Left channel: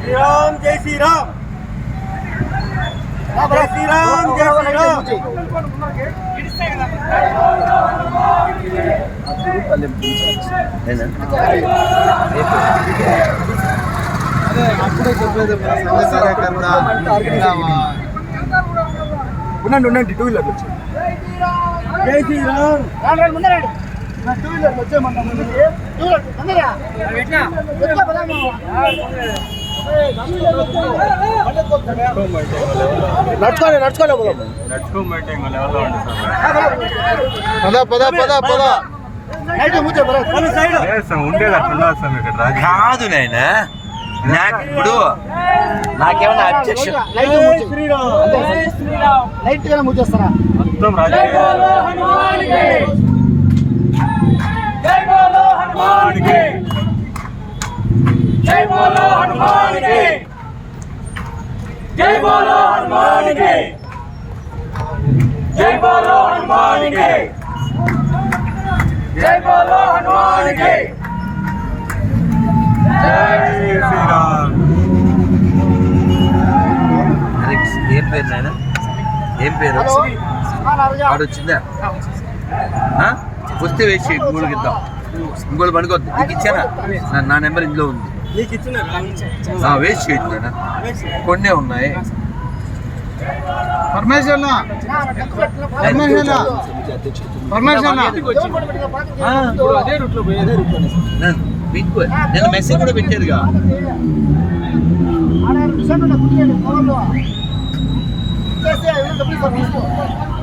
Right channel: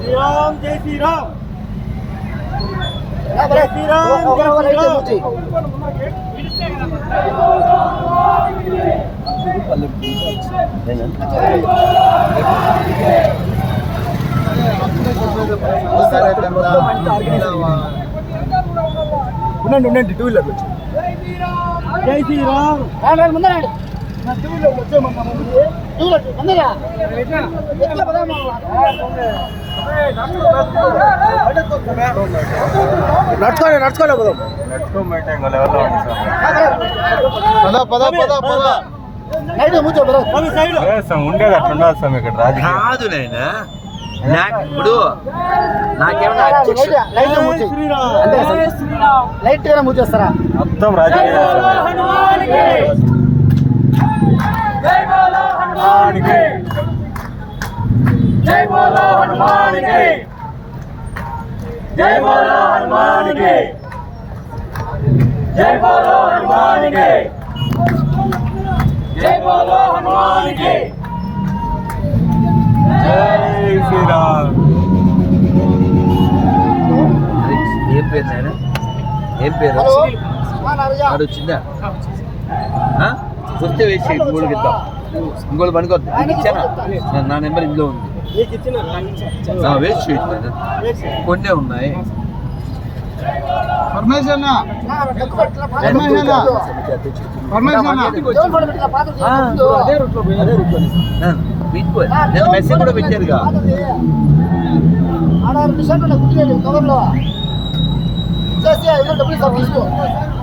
శ్రీరామ్ జై శ్రీరామ్. జై శ్రీరామ్ జై శ్రీరామ్. ఉండండి ఉండండి టూ వీలర్ వచ్చి. జై శ్రీరామ్. టూ వీలర్ వచ్చేయమన్నా ముందుకి. నడుచుకోండి నడుచుకోండి పోదాం. పద పద పద పద. స్వామి సైడ్. కాదు నాయన. నాకు ఇప్పుడు నాకేమన్నా అబ్జెక్షన్ లైట్ ముచ్చేస్తారా జై బోలో హనుమాన్కి జై బోలో హనుమాన్కి జై బోలో హనుమాన్కి జై బోలో హనుమాన్కి జై బోలో హనుమాన్కి జై బోలో హనుమాన్కి జై శ్రీరామ్. ఏం పేరు నాయన? ఏం పేరు? ఆడు వచ్చిందా ఆ? వస్తే వేసి మూడు ఇద్దాం ఇంకోటి పనుకోద్దు. నీకు ఇచ్చానా? నా- నా నెంబర్ ఇందులో ఉంది. నీకు ఇచ్చిన ఆ, వేస్ట్ నాయన కొన్నే ఉన్నాయి. నేను మెసేజ్ కూడా పెట్టారుగా.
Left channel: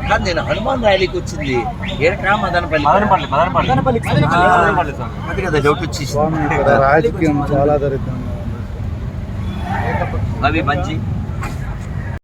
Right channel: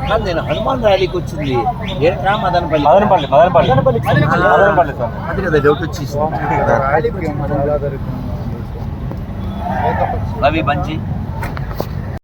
కాదు నేను హనుమాన్ ర్యాలీకి వచ్చింది. ఏరకా మదనపల్లి. మదనపల్లి మదనపల్లి. మదనపల్లి అది కదా డౌట్ వచ్చేసి రాజకీయం చాలా. రవి బంచి